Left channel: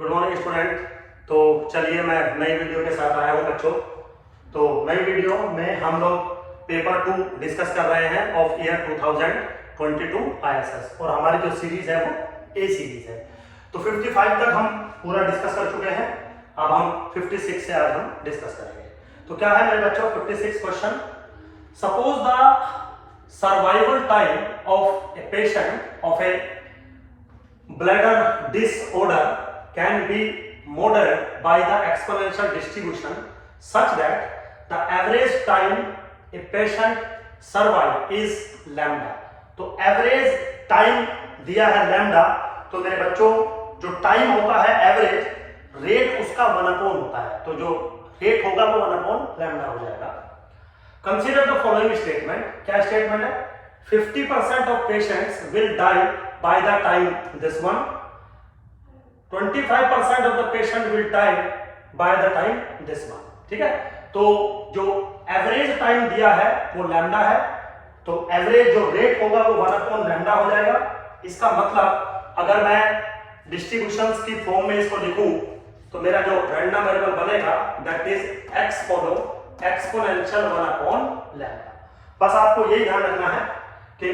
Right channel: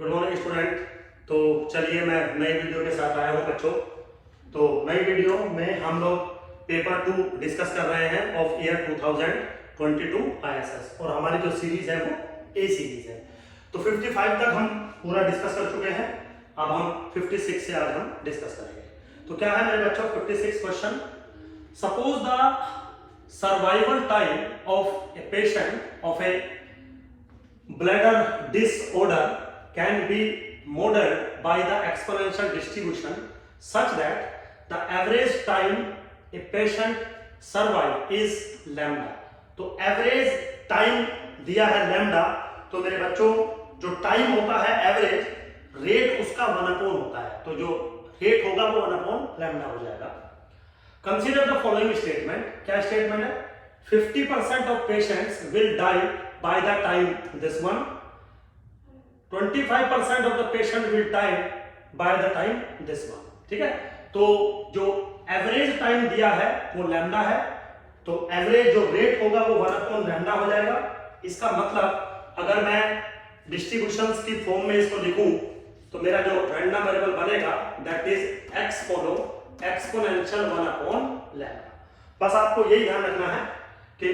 Good morning student. तो चलिए मैं नई वीडियो के साथ आया हूँ बच्चों। तो नई वीडियो में हम लोग पेपर 2 डिस्कस कर रहे हैं ऑफ ईयर 2022 ISS और हमारी जो सीरीज है वो ए सीरीज है। तो 55 तक हम पूरा डिस्कस कर चुके हैं, अब हम 56 से आज हम डिस्कस करेंगे। तो क्या है मेरे बच्चों 56 question. Suppose the survival time of a patient of A bladder disorder can be modeled by the exponential distribution such that the average time a patient survive is lambda। तो एवरेज टाइम दिया है lambda. तो मेरे बच्चों जो time होता है average rate उसका 1/, होता है। तो जो रेट होगा वो 1/, लैम्डा हो जाएगा। Consider the following statement. क्या स्टेटमेंट है? 50% of patients will die by the time this one, 25% of the patient will die by the time this one। ठीक है, तो जो एवरेज टाइम दिया है वो लैम्डा है, तो एवरेज जो रेट होगा वो 1/, लैम्डा हो जाएगा। इसका मतलब अगर मैं डिस्ट्रीब्यूशंस की फॉर्म में इसको लिखूं तो मेरा जो रैंडम वेरिएबल बनेगा दैट इज एक्सपोनेंशियल 1/, लैम्डा। बस आपको यही ध्यान रखना है कि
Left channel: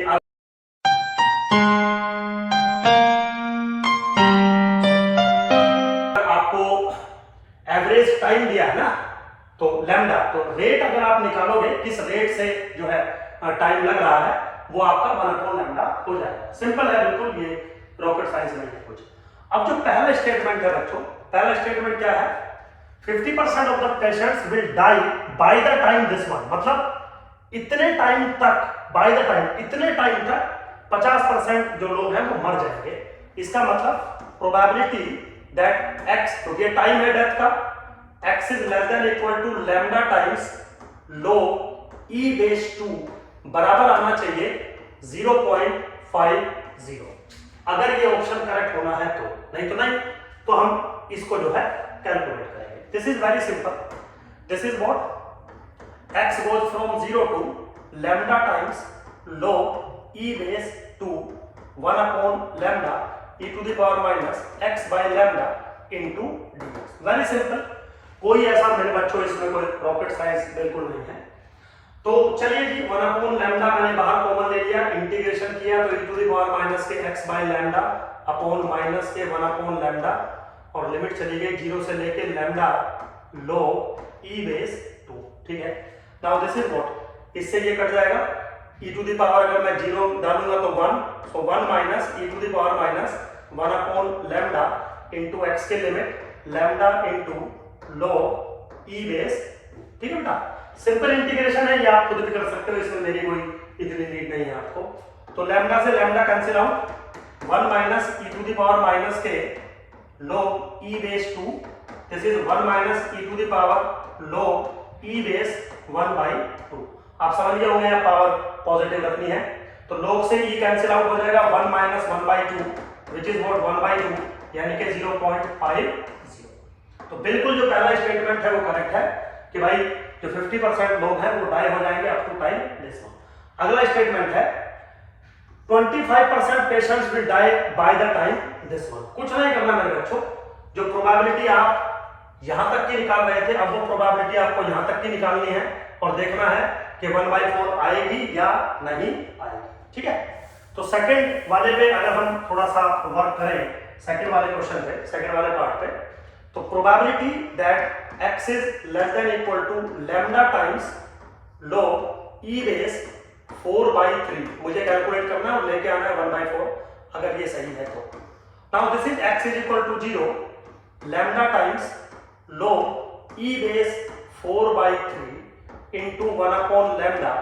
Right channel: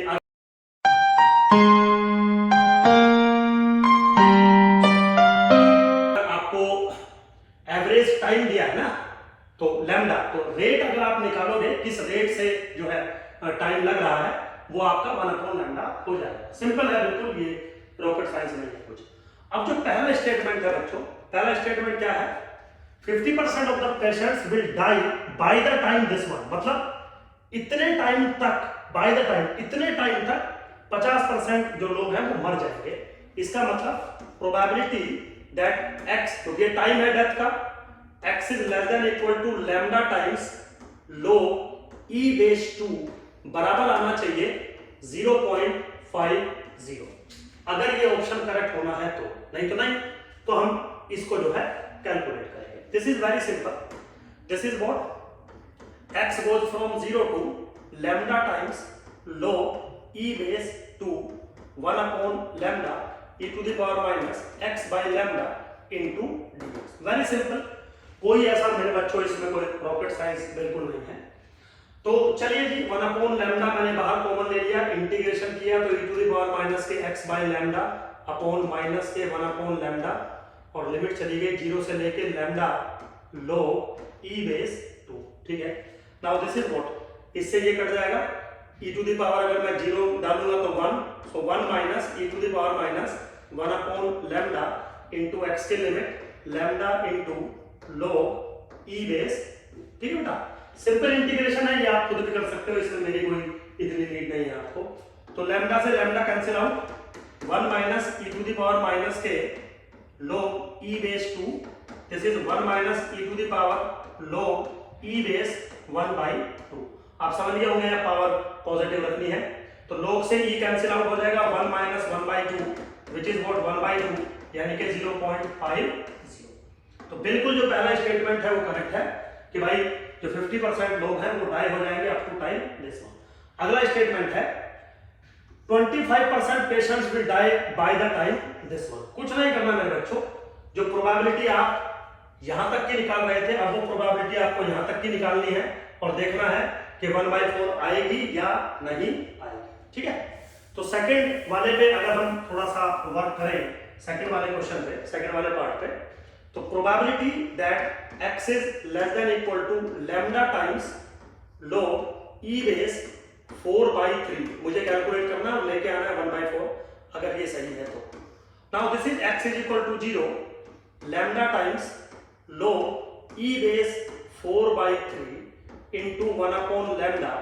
एवरेज टाइम दिया है ना तो लैम्डा, तो रेट अगर आप निकालोगे किस रेट से जो है टाइम लग रहा है वो आपका 1/, लैम्डा हो जाएगा। सिंपल है बिल्कुल, ये रॉकेट साइंस में है कुछ। अब जो पहला स्टेटमेंट है बच्चों, पहला स्टेटमेंट क्या है? 50% of the patients will die by the time this one, मतलब इतने टाइम तक, बाय द टाइम, इतने टाइम तक 50% जो लोग हैं वो मर जाएंगे। इसका मतलब प्रोबेबिलिटी दैट x, तो ये टाइम है डेथ का, x is less than equal to lambda times log e base 2 बराबर आना चाहिए 0.50। अगर ये ऑप्शन करेक्ट होना है तो, नहीं तो नहीं। तो हम इसको जो है कैलकुलेट करेंगे। This is very simple. This is what x goes from 0 to lambda times log e base 2 1/, lambda e to the power minus x by lambda into dx। Very simple, कोई ऐसा मेरे बच्चों इसमें कोई रॉकेट साइंस बिल्कुल नहीं है। तो चलिए जी 1/, लैम्डा मैंने बाहर कॉमन ले लिया, इंटीग्रेशन किया तो e to the power minus के x by lambda upon minus के 1/, लैम्डा, और लिमिट चली गई 0 से लेके लैम्डा log e बेस 2। ठीक है, नाउ दिस इज व्हाट, इससे ये कट जाएगा e टू द पावर, अगर मैं 0 डालूंगा तो 1, so 1 minus e to the power minus 1/, lambda into x के limit lambda into log e base 2। ठीक है बेटा, सिंपल इंटीग्रेशन है, ये आप खुद भी कर सकते हो, इसमें मेरी कोई इतनी नीड नहीं है आपको। तो लैम्डा से lambda cancel out, 1 minus e to the power minus के log e base 2, this is 1 minus e to the power log e base 1/2। आप समझ गए होंगे, पावर पॉजिटिव रखनी है तो log से e कैंसिल आउट हो जाएगा, 1 माइनस 1/2 विच इज व्हाट 1/2, यानी कि 0.50। तो बिल्कुल जो पहला स्टेटमेंट है वो करेक्ट है कि भाई जो 50% लोग हैं वो डाई हो जाएंगे up to time this one. अगला स्टेटमेंट है 25% patients will die by the time this one. कुछ नहीं करना मेरे बच्चों, जो प्रोबेबिलिटी आप यहां तक की निकाल रहे थे अब वो प्रोबेबिलिटी आपको यहां तक की निकालनी है और देखना है कि 1/4 आएगी या नहीं आएगी। ठीक है, तो सेकंड वाले पे अगर हम थोड़ा सा वर्क करें, सेकंड वाले क्वेश्चन पे, सेकंड वाले पार्ट पे, तो probability that x is less than equal to lambda times log e base 4/3 मुझे कैलकुलेट करना है और लेके आना है 1/4, अगर ये सही है तो। Now this is x is equal to 0 lambda times log e base 4/3 into 1/, lambda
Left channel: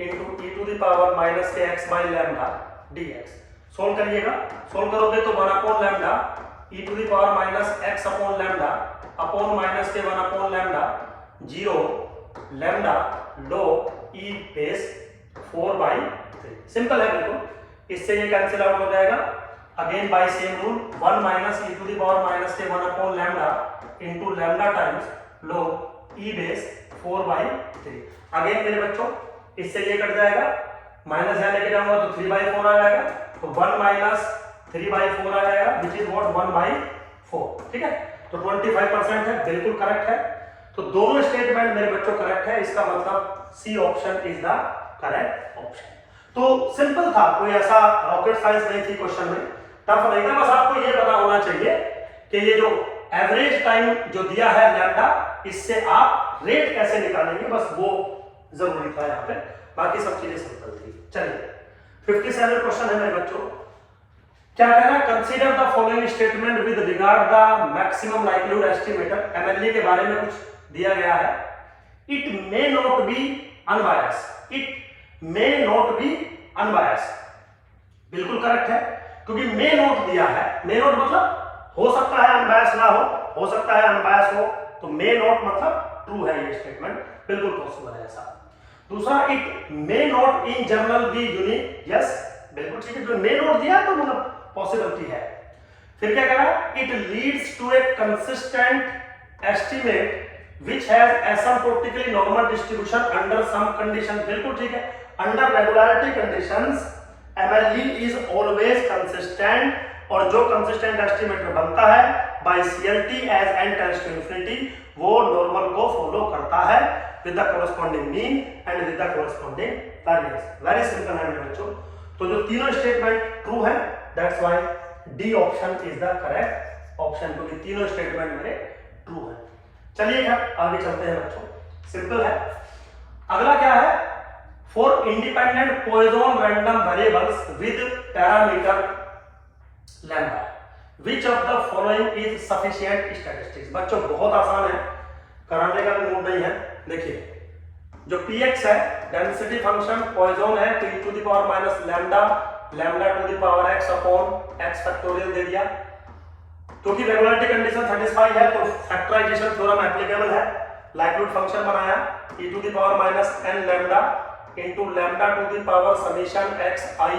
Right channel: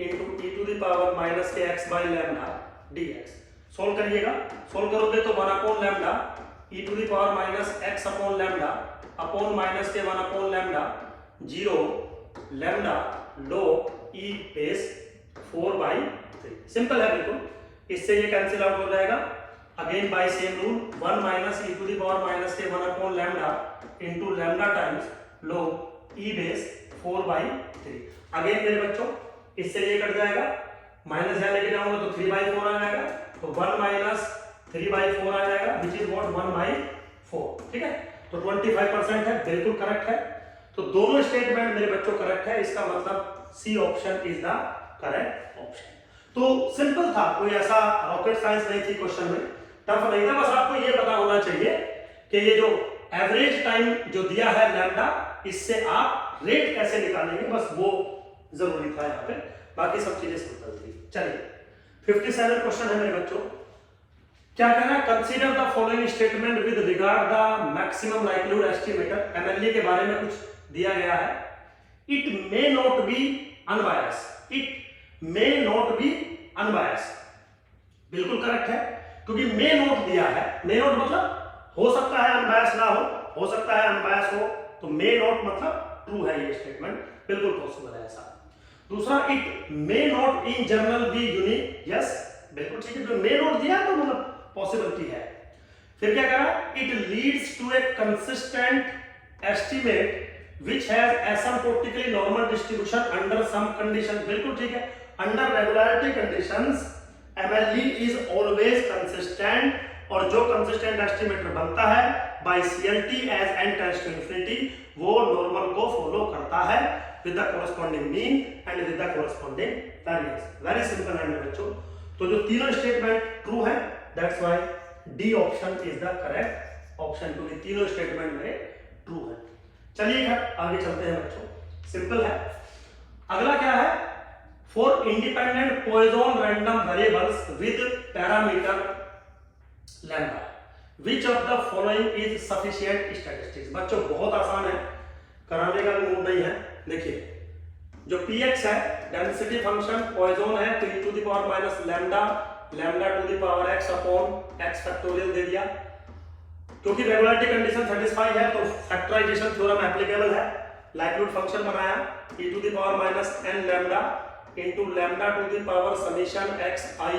into e to the power minus के x by lambda dx। Solve करिएगा, सोल्व करोगे तो 1/, lambda e to the power minus x upon lambda upon minus के 1/, lambda 0 lambda log e base 4/3। Simple है बिल्कुल, इससे ये cancel out हो जाएगा। Again by same rule 1 minus e to the power minus के 1/, lambda into lambda times log e base 4/3। Again मेरे बच्चों इससे ये कट जाएगा, माइनस यहां लेके जाऊंगा तो 3/4 आ जाएगा, तो 1 माइनस 3/4 आ जाएगा विच इज व्हाट 1/4। 4, ठीक है। तो 25% है, बिल्कुल करेक्ट है। तो दोनों स्टेटमेंट मेरे बच्चों करेक्ट है, इसका मतलब C option is the correct option. तो सिंपल था, कोई ऐसा रॉकेट साइंस नहीं थी क्वेश्चन में, टफ नहीं था। बस आपको ये पता होना चाहिए कि ये जो एवरेज टाइम जो दिया है लैम्डा, इससे आप रेट कैसे निकालेंगे, बस वो जरूरी था यहाँ पे, बाकी सब चीजें सिंपल थी। चलिए 57 क्वेश्चन है मेरे बच्चों। क्या कहना है, consider the following statement with regard the maximum likelihood estimator. MLA के बारे में कुछ दिया गया है। It may not be unbiased, it may not be unbiased, बिल्कुल करेक्ट है, क्योंकि मे नॉट दिया है। मे नॉट मतलब हो सकता है अनबायस ना हो सकता है अनबायस हो, तो मे नॉट मतलब ट्रू है ये स्टेटमेंट, बिल्कुल पॉसिबल है ऐसा। दूसरा, it may not in general be unique, yes बिल्कुल ठीक है, जो मे नॉट दिया तो मतलब पॉसिबिलिटी है। फिर क्या कह रहा है, it leads to a consistent estimate which has asymptotically normal distribution under some condition, बिल्कुल ठीक है। under regularity conditions MLE is always consistent, और जो कंसिस्टेंट एस्टिमेटर बनता है by CLT as n tends to infinity, वो नॉर्मल को follow करता है with the corresponding mean and with the corresponding variance। Very simple है मेरे बच्चों। तो जो तीनों स्टेटमेंट ट्रू है, that's why D option is the correct option, क्योंकि तीनों स्टेटमेंट मेरे ट्रू है। चलिए आगे चलते हैं बच्चों, सिंपल है। अगला क्या है, for independent Poisson random variables with parameter lambda which of the following is sufficient statistics. बच्चों बहुत आसान है, कराने का भी मूड नहीं है। देखिए जो px है डेंसिटी फंक्शन पॉइजन है, तो e to the power minus lambda, lambda to the power x upon x factorial दे दिया। क्योंकि रेगुलरिटी कंडीशन सेटिस्फाई है तो फैक्टराइजेशन थ्योरम एप्लीकेबल है। लाइक्लीहुड फंक्शन बनाया e to the power minus n lambda into lambda to the power summation xi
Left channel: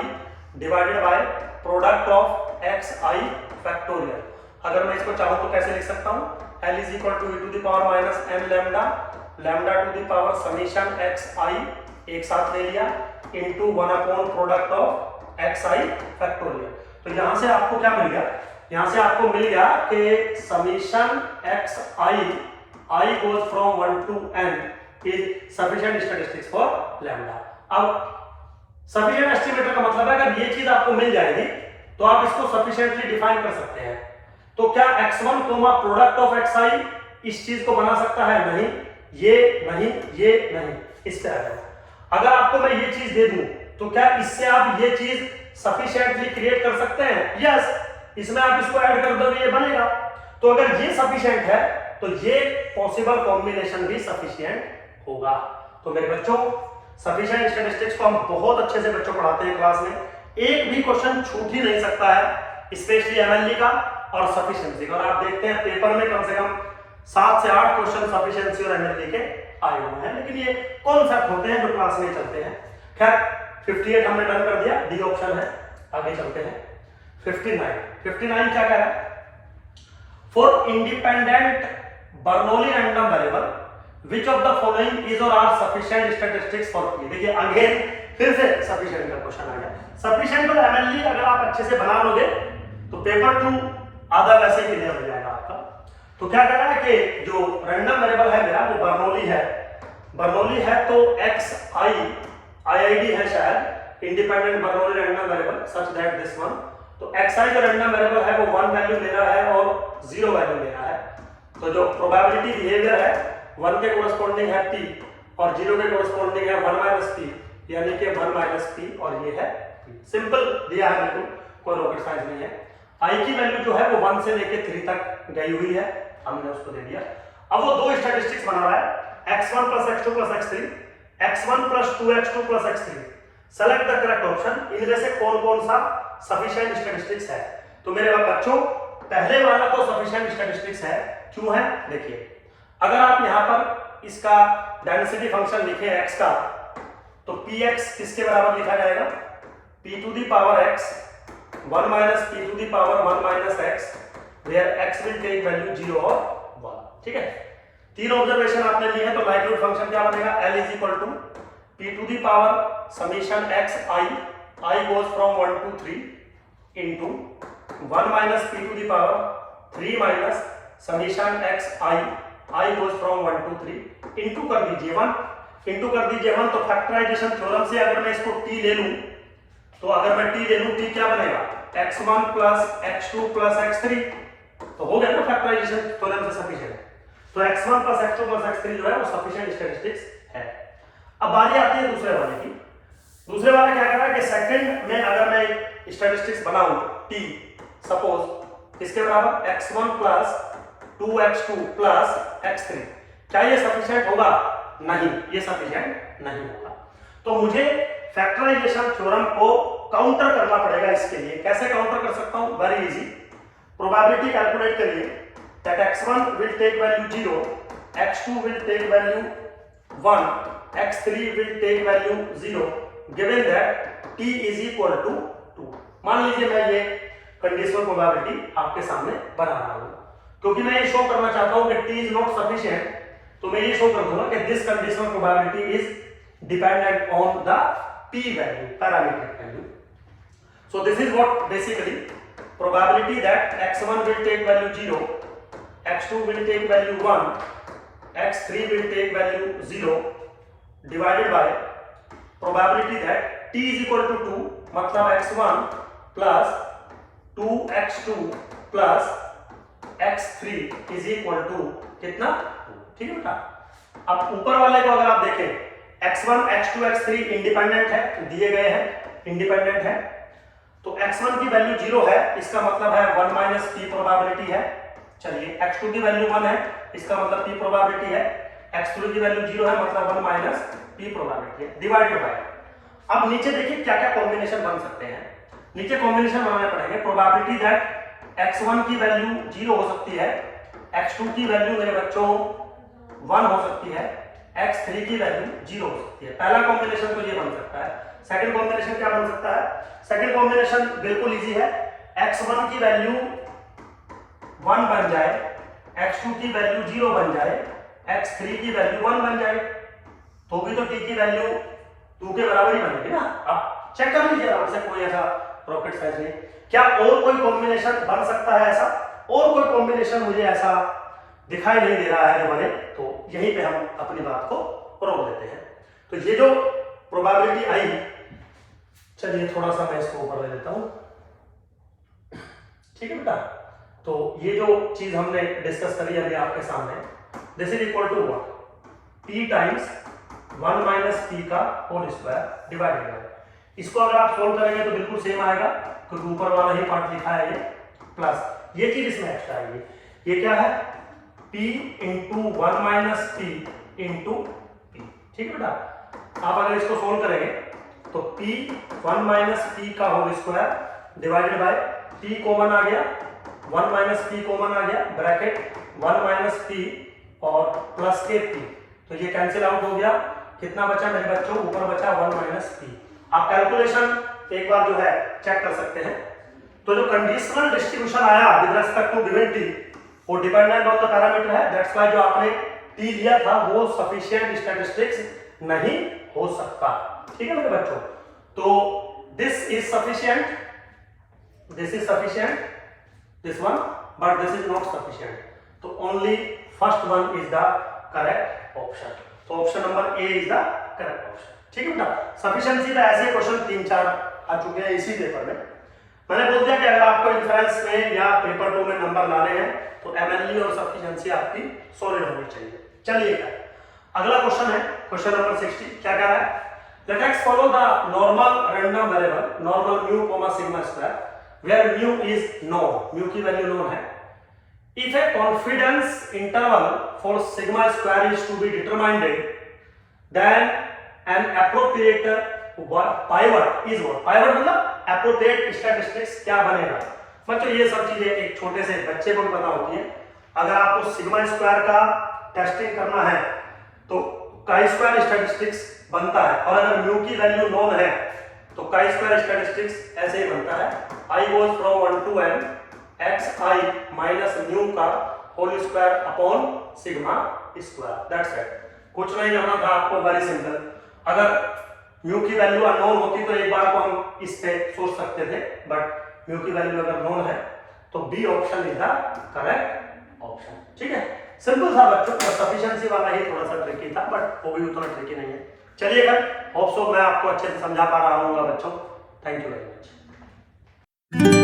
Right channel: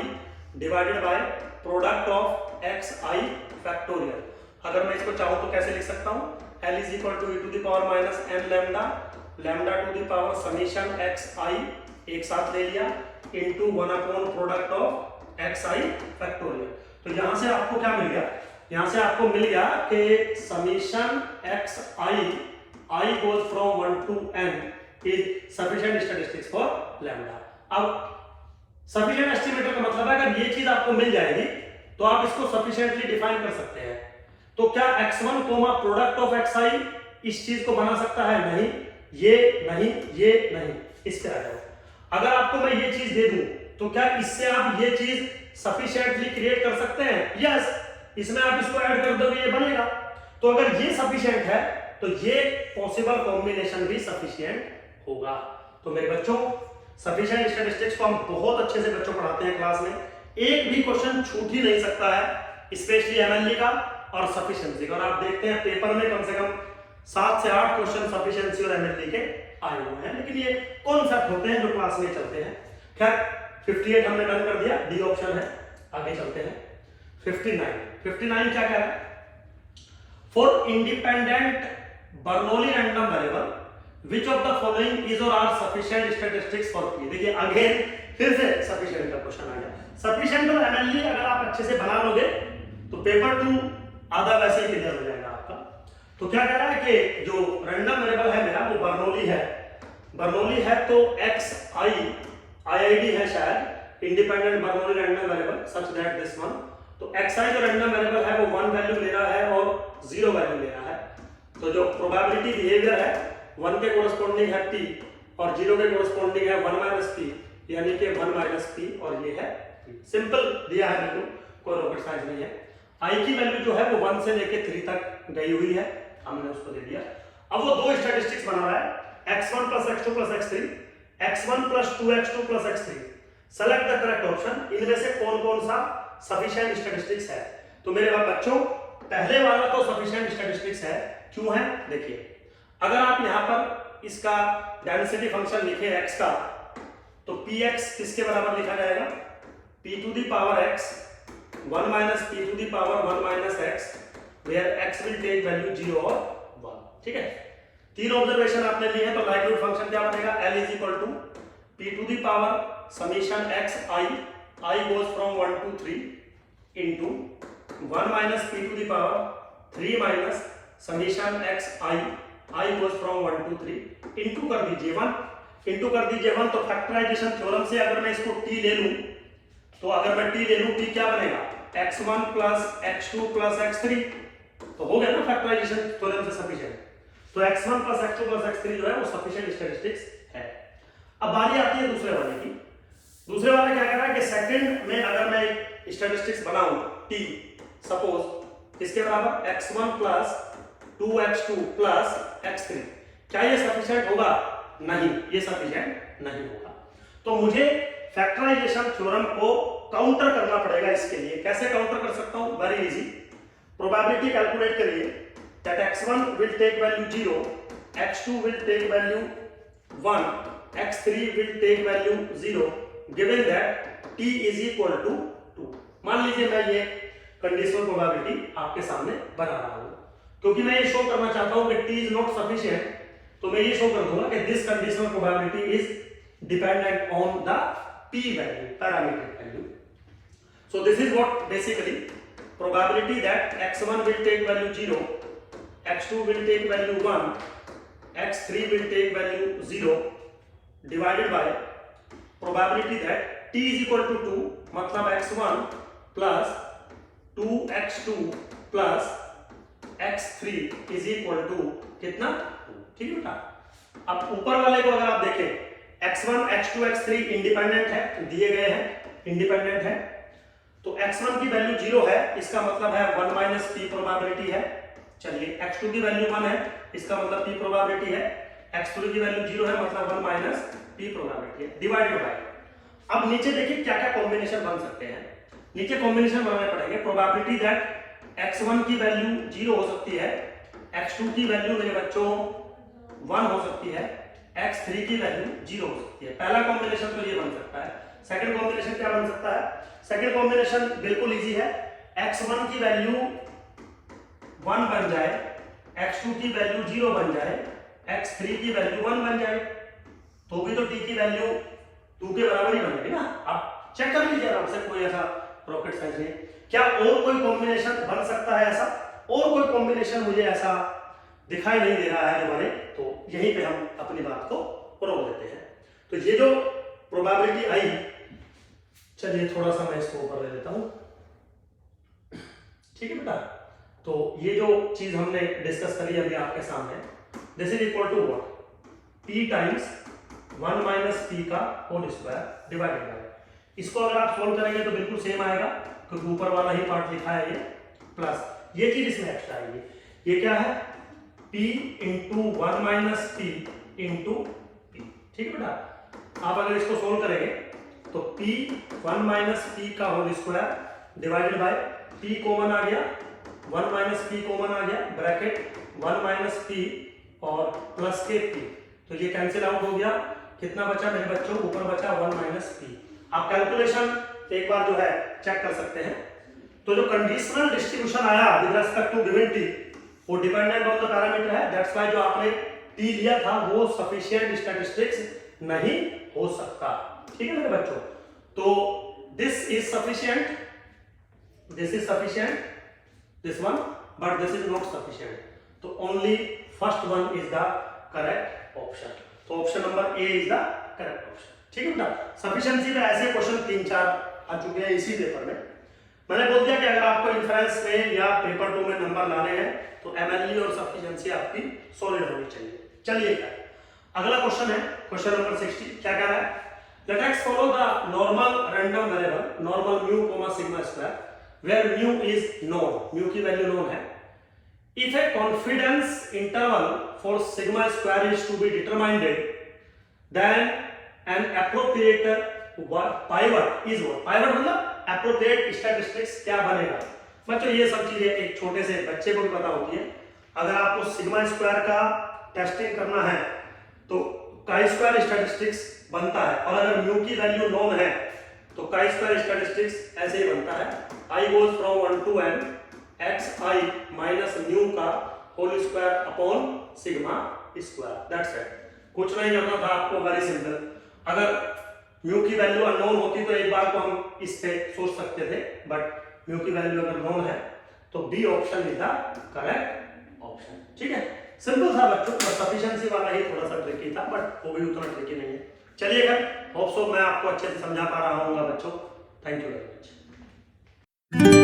divided by product of xi factorial. अगर मैं इसको चाहूं तो कैसे लिख सकता हूं, L is equal to e to the power minus n lambda, lambda to the power summation xi एक साथ ले लिया into 1 upon product of xi factorial. तो यहां से आपको क्या मिल गया, यहां से आपको मिल गया कि summation xi I goes from 1 to n is sufficient statistics for lambda। अब sufficient estimator का मतलब है अगर ये चीज आपको मिल जाएगी तो आप इसको sufficiently डिफाइन कर सकते हैं। तो क्या x1 प्रोडक्ट ऑफ xi इस चीज को बना सकता है, नहीं, ये नहीं, ये नहीं, इस पे आ जाओ। अगर आपको मैं ये चीज दे दूं तो क्या इससे आप ये चीज सफिशिएंटली क्रिएट कर सकते हैं, यस। इसमें आप इसको ऐड कर दोगे ये बनेगा। तो अगर ये सफिशिएंट है तो ये पॉसिबल कॉम्बिनेशन भी सफिशिएंट होगा। तो मेरे बच्चों सफिशिएंट स्टैटिस्टिक्स को हम बहुत अच्छे से बच्चों पढ़ाते हैं क्लास में, एक भी क्वेश्चन छूट ही नहीं सकता है, स्पेशली एमएलई का और सफिशिएंसी का। और आप देखते हैं पेपर में कम से कम 7 से 8 क्वेश्चन सफिशिएंसी और एमएलई के आए हुए हैं, लेकिन ये कॉन्सेप्ट होते हैं जो क्लास में चलते हैं। खैर 58 हमने डन कर दिया, डी ऑप्शन है। आगे चलते हैं 59 क्या कह रहा है, for independent Bernoulli random variable which of the following is or are sufficient statistics for P. देखिए अगेन फिर से सफिशिएंट का क्वेश्चन आ गया। सफिशिएंट और एमएलई अगर आप अच्छे से बना लोगे तो पेपर 2 आधा वैसे ही क्लियर हो जाएगा आपका। तो क्या कह रहा है कि जो रैंडम वेरिएबल है मेरा वो बर्नौली है, बर्नौली है तो xi IID है शायद, independent Bernoulli random variable such that this one. तो xi जो रैंडम वेरिएबल है वो 1 वैल्यू ले रहा है और 0 वैल्यू ले रहा है। तो जो प्रोबेबिलिटी बिहेवियर है 1 के कोरस्पॉन्डिंग है p और 0 के कोरस्पॉन्डिंग है 1 - p, यानी कि 1 - p और ये है p। सिंपल दिया है, बिल्कुल कोई रॉकेट साइंस नहीं है। i की वैल्यू जो है वो 1 से लेके 3 तक गई हुई है, हमने उसको दे दिया। अब वो दो स्टैटिस्टिक्स बना रहा है x1 + x2 + x3, x1 + 2x2 + x3। Select the correct option, इनमें से कौन कौन सा सफिशिएंट स्टैटिस्टिक्स है। तो मेरे बच्चों पहले वाला तो सफिशिएंट स्टैटिस्टिक्स है, क्यों है देखिए। अगर आप यहां पर इसका डेंसिटी फंक्शन लिखे x का तो px किसके बराबर लिखा जाएगा, p to the power x 1 - p to the power 1 - x where x will take value 0 और 1। ठीक है, तीन ऑब्जर्वेशन आपने ली है तो लाइक्लीहुड फंक्शन क्या बनेगा, L = p to the power summation xi I goes from 1 to 3 into 1 - p to the power 3 minus summation x i goes from 1 to 3 into कर दीजिए 1 तो फैक्टराइजेशन थ्योरम से अगर मैं इसको t ले लूं तो अगर मैं t ले लूं t क्या बनेगा x1 plus x2 plus x3 तो हो गया ना फैक्टराइजेशन थ्योरम से सफिशिएंट। तो x1 plus x2 plus x3 जो है वो सफिशिएंट स्टैटिस्टिक्स है। अब बारी आती है दूसरे वाले की। दूसरे वाले क्या कह रहा है कि सेकंड में अगर मैं स्टैटिस्टिक्स बनाऊं t सपोज किसके बराबर x1 plus 2x2 plus x3, क्या ये सफिशिएंट होगा? नहीं, ये सफिशिएंट नहीं होगा। तो मुझे फैक्टराइजेशन थ्योरम को काउंटर करना पड़ेगा। इसके लिए कैसे काउंटर कर सकता हूं? Very easy. प्रोबेबिलिटी कैलकुलेट करिए that x1 will take value 0, x2 will take value 1, x3 will take value 0 given that t is equal to 2। मान लीजिए मैं ये कंडीशनल प्रोबेबिलिटी आपके सामने बना रहा हूं क्योंकि मैं ये शो करना चाहता हूं कि t इज नॉट सफिशिएंट, तो मैं ये शो कर दूंगा कि this conditional probability is dependent on the p value, parameter value. So this is what basically probability that x1 will take value 0, x2 will take value 1, x3 will take value 0 divided by probability that t is equal to 2, मतलब x1 plus 2x2 plus x3 is equal to कितना? 2। ठीक है बेटा। अब ऊपर वाले को अगर आप देखें x1, x2, x3 इंडिपेंडेंट है, दिए गए हैं, इंडिपेंडेंट है। तो x1 की वैल्यू 0 है, इसका मतलब है 1 माइनस p प्रोबेबिलिटी है। चलिए x2 की वैल्यू 1 है, इसका मतलब p प्रोबेबिलिटी है। x3 की वैल्यू 0 है, मतलब 1 माइनस p प्रोबेबिलिटी है डिवाइडेड बाय। अब नीचे देखिए क्या क्या कॉम्बिनेशन बन सकते हैं। नीचे कॉम्बिनेशन बनाने पड़ेंगे। प्रोबेबिलिटी दैट x1 की वैल्यू 0 हो सकती है, x2 की वैल्यू मेरे बच्चों 1 हो सकती है, x3 की वैल्यू 0 हो सकती है। पहला कॉम्बिनेशन तो ये बन सकता है। सेकंड कॉम्बिनेशन क्या बन सकता है? सेकंड कॉम्बिनेशन बिल्कुल इजी है। x1 की वैल्यू 1 बन जाए, x2 की वैल्यू 0 बन जाए, x3 की वैल्यू 1 बन जाए, तो भी तो t की वैल्यू 2 के बराबर ही बनेगी ना। अब चेक कर लीजिए आराम से, कोई ऐसा रॉकेट साइंस नहीं। क्या और कोई कॉम्बिनेशन बन सकता है ऐसा? और कोई कॉम्बिनेशन मुझे ऐसा दिखाई नहीं दे रहा है जो बने, तो यहीं पे हम अपनी बात को रोक देते हैं। तो ये जो प्रोबेबिलिटी आई, चलिए थोड़ा सा मैं इसको ऊपर ले लेता हूं। ठीक है बेटा। तो ये जो चीज हमने डिस्कस करी अभी आपके सामने, this is equal to what? p times 1 minus p का होल स्क्वायर डिवाइडेड बाय। इसको अगर आप सोल्व करेंगे तो बिल्कुल सेम आएगा क्योंकि ऊपर वाला ही पार्ट लिखा है ये, प्लस ये चीज इसमें एक्स्ट्रा आएगी। ये क्या है? p into 1 minus p into p। ठीक है बेटा। आप अगर इसको सोल्व करेंगे तो p 1 माइनस p का whole square divided by p common आ गया, 1 माइनस p कॉमन आ गया, ब्रैकेट 1 माइनस p और प्लस के p, तो ये कैंसिल आउट हो गया। कितना बचा मेरे बच्चों? ऊपर बचा 1 माइनस p। आप कैलकुलेशन एक बार जो है चेक कर सकते हैं। तो जो कंडीशनल डिस्ट्रीब्यूशन आया with respect to given t, वो डिपेंडेंट ऑन द पैरामीटर है। दैट्स व्हाई जो आपने t लिया था वो सफिशिएंट स्टैटिस्टिक्स नहीं हो सकता। ठीक है मेरे बच्चों। तो this is sufficient, this is sufficient, this one, but this is not sufficient. तो only first one is the correct option. तो option number A is the correct option. ठीक है बेटा। सफिशिएंसी पे ऐसे क्वेश्चन 3-4 आ चुके हैं इसी पेपर में। मैंने बोल दिया कि अगर आपको इन्फ्रेंस में या पेपर 2 में नंबर लाने हैं तो एमएलई और सफिशिएंसी आपकी सॉलिड होनी चाहिए। चलिए अगला क्वेश्चन है क्वेश्चन नंबर 60। क्या कह रहा है? Let x follow the normal random variable, normal mu comma sigma square, where mu is known, mu की वैल्यू known है. If a confidence interval for sigma square is to be determined, then an appropriate pivot is what? Pivot मतलब appropriate statistics क्या बनेगा? बच्चों ये सब चीजें एक छोटे से बच्चे को भी पता होती है। अगर आपको सिग्मा स्क्वायर का टेस्टिंग करना है तो काई स्क्वायर स्टैटिस्टिक्स बनता है, और अगर म्यू की वैल्यू नोन है तो काई स्क्वायर स्टैटिस्टिक्स ऐसे ही बनता है। I goes from 1 to n X I minus mu का whole square upon sigma square. That's it. कुछ नहीं करना था आपको, वेरी सिंपल। अगर म्यू की वैल्यू अननोन होती तो एक बार को हम इस पे सोच सकते थे, बट म्यू की वैल्यू अगर नोन है तो B option is the correct option. ठीक है, सिंपल था बच्चों, सफिशिएंसी वाला ही थोड़ा सा ट्रिकी था, बट वो भी उतना ट्रिकी नहीं है। चलिए फिर, होप सो मैं आपको अच्छे से समझा पा रहा हूँ बच्चों। Thank you very much.